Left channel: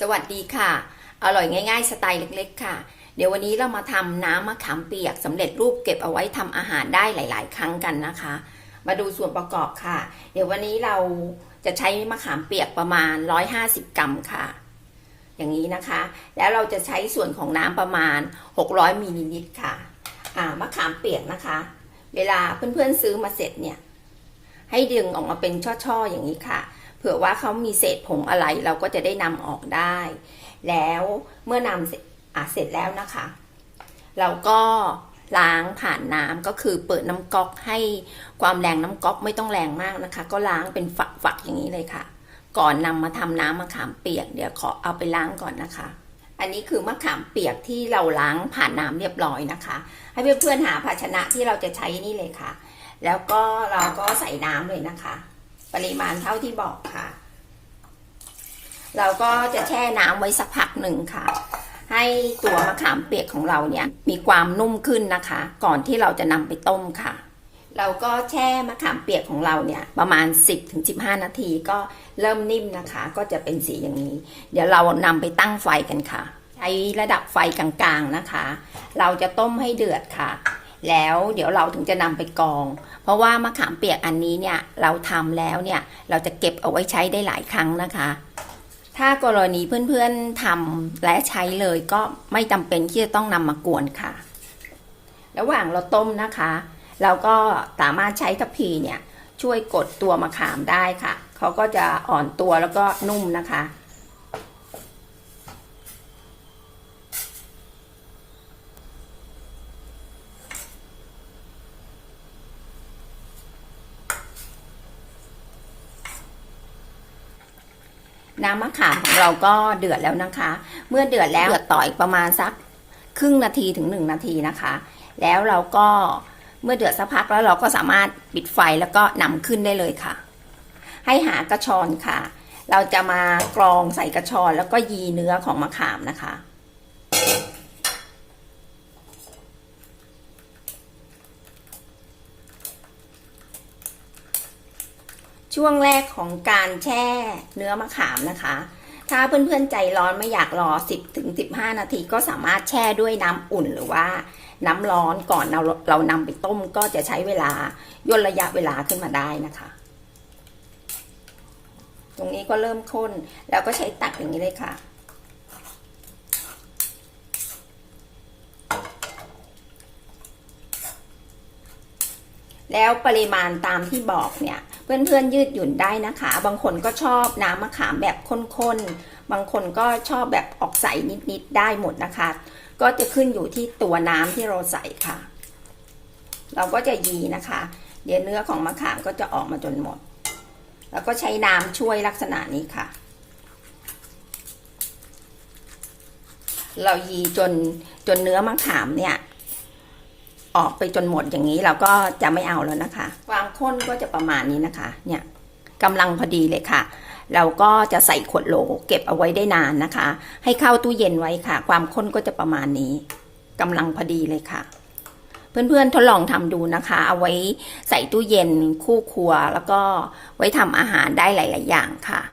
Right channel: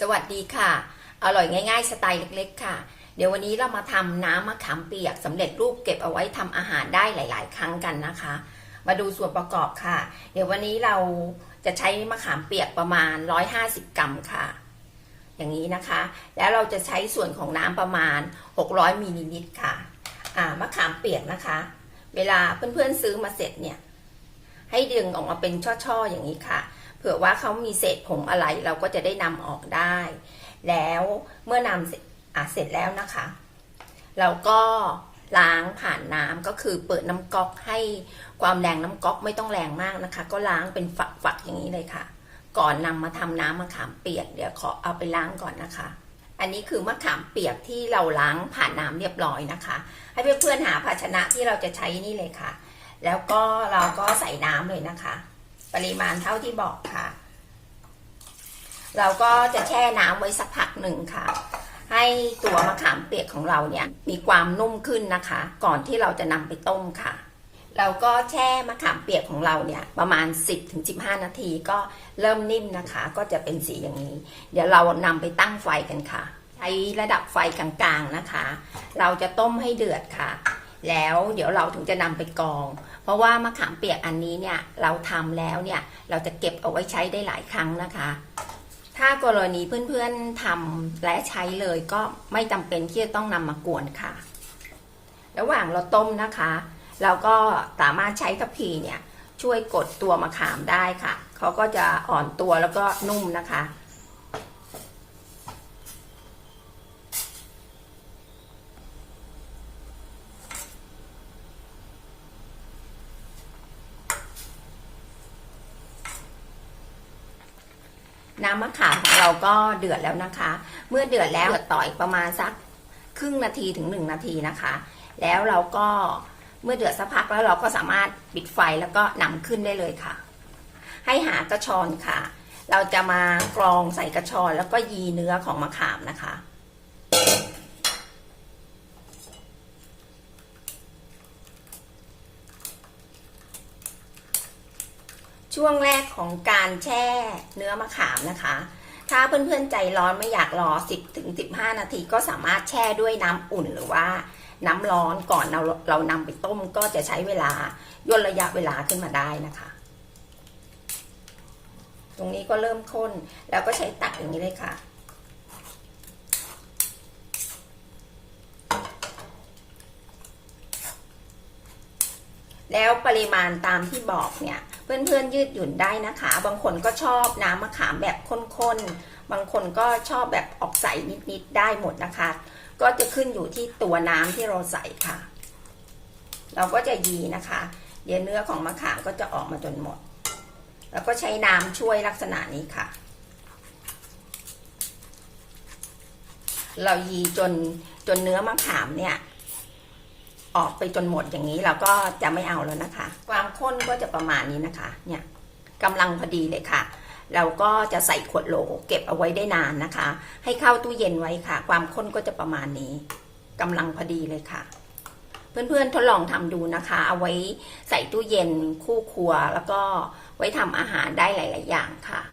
สวัสดีค่ะ อร่อยง่ายๆ สไตล์เล็กๆ ค่ะ เดี๋ยววันนี้เรามาทำน้ำมะขามเปียกสำเร็จรูปเก็บเอาไว้ทำอาหารได้หลาย ๆ ครั้งกันนะคะ มาดูส่วนประกอบค่ะ เดี๋ยววันนี้เราจะใช้มะขามเปียกประมาณ 150 กรัมค่ะ อย่างนี้นะคะ แล้วเราจะใช้ส่วนของน้ำประมาณ 600มิลลิลิตรค่ะ อ่ามะขามเปียกนะคะ เวลาเพื่อนๆซื้อมาเสร็จเนี่ย ให้ดึงออกมาเป็นช่อๆอย่างนี้ค่ะ ผื่อว่าเขามีเศษผงอะไรเราก็จะได้นำออกได้ แล้วเมื่อนำเสร็จอะเสร็จแล้วนะคะ เราก็ล้างผ่านน้ำก็คือเปิดน้ำก๊อกให้ความแรงน้ำก๊อกไม่ต้องแรงมากนะคะ ก็ล้างเป็นฝักๆอย่างนี้เลยค่ะ ก่อนนำมาทำน้ำมะขามเปียกเดี๋ยวขอเอาไปล้างก่อนนะคะ อันนี้คือมะขามเปียกที่เราล้างผ่านน้ำเรียบร้อยนะคะ ให้เพื่อนๆหาภาชนะที่เราจะใช้นี่เลยค่ะ แล้วก็เราก็ใส่น้ำเลยนะคะ ปริมาณเท่าที่บอกค่ะ เราก็จะแช่น้ำไว้สักพักหนึ่งค่ะ ให้ตัวมะขามเปียกของเราเนี่ยมีความนุ่มขึ้นนะคะ ก่อนที่เราจะนำไปต้มค่ะ เราก็แช่มะขามเปียกของเราเนี่ยประมาณ 10-15 นาทีก็เริ่มนิ่มนะคะ ก็จะเป็นสีอย่างนี้ เดี๋ยวเรานำไปตั้งไฟกันค่ะ ใช้ระดับไฟกลางๆนะคะ เราจะต้มให้เดือดค่ะ แล้วเดี๋ยวเราถึงจะนำไปกอง เพราะว่ามะขามเปียกอันนี้เนี่ยเราทำแล้วเนี่ยเราจะเก็บเอาไว้ใช้ได้หลายครั้งนะคะ ถ้ากรณีเพื่อนๆทำและใช้เลยก็ไม่จำเป็นที่จะต้องนำมากวนค่ะ ระหว่างเราต้มนะคะ เราก็สามารถใช้ทัพพีเนี่ยช่วยกดตัวมะขามได้ค่ะเขาก็จะอ่อนตัวแล้วก็นุ่มนะคะ น้ำมะขามของเราก็เดือดแล้วนะคะ เมื่อเดือดแล้วเดือดต่ออีกประมาณสักครึ่งนาทีถึงหนึ่งนาทีนะคะ แล้วเราก็เมื่อเดือดสักพักแล้วเราก็สามารถปิดไฟแล้วก็นำขึ้นได้เลยค่ะ ให้หากระชอนค่ะ เราจะมากรองใส่กระชอนแล้วก็ยีเนื้อของมะขามนะคะ ช่วงแรกของการแช่เนื้อมะขามนะคะ ถ้าเพื่อนๆใจร้อนไม่อยากรอ 10ถึง15 นาทีก็สามารถแช่ด้วยน้ำอุ่นหรือว่าน้ำร้อนก่อนเราเรานำไปต้มก็จะใช้เวลาย่นระยะเวลาขึ้นมาได้นะคะ ตรงนี้ก็เริ่มข้นแล้วก็ใช้ตักอย่างนี้เลยค่ะ แล้วปริมาณตามที่บอกเนี่ย เพื่อนๆยืดหยุ่นได้นะคะ บางคนก็ชอบน้ำมะขามแบบข้นๆ บางคนก็ชอบแบบออกใสนิดๆ ได้หมดนะคะ ก็จะขึ้นอยู่ที่ตัวน้ำที่เราใส่ค่ะ เราก็จะยีนะคะ เดี๋ยวเนื้อของมะขามก็จะออกมาจนหมด แล้วก็ใช้น้ำช่วยลักษณะนี้ค่ะ เรายีจนจนเนื้อมะขามเนี่ย ออกไปจนหมดอย่างนี้เราก็จะไม่เอาแล้วนะคะ ความข้นก็จะประมาณนี้นะคะ เนี่ยกำลังพอดีเลยค่ะ เราก็จะใส่ขวดโหลเก็บเอาไว้ได้นานนะคะ ให้เข้าตู้เย็นไว้ค่ะ ความข้นก็จะประมาณนี้กำลังพอดีเลยค่ะ เพื่อนๆทดลองทำดูนะคะ เอาไว้ใส่ตู้เย็นคู่ครัว แล้วก็ไว้ทำอาหารได้หลาย ๆ อย่างค่ะ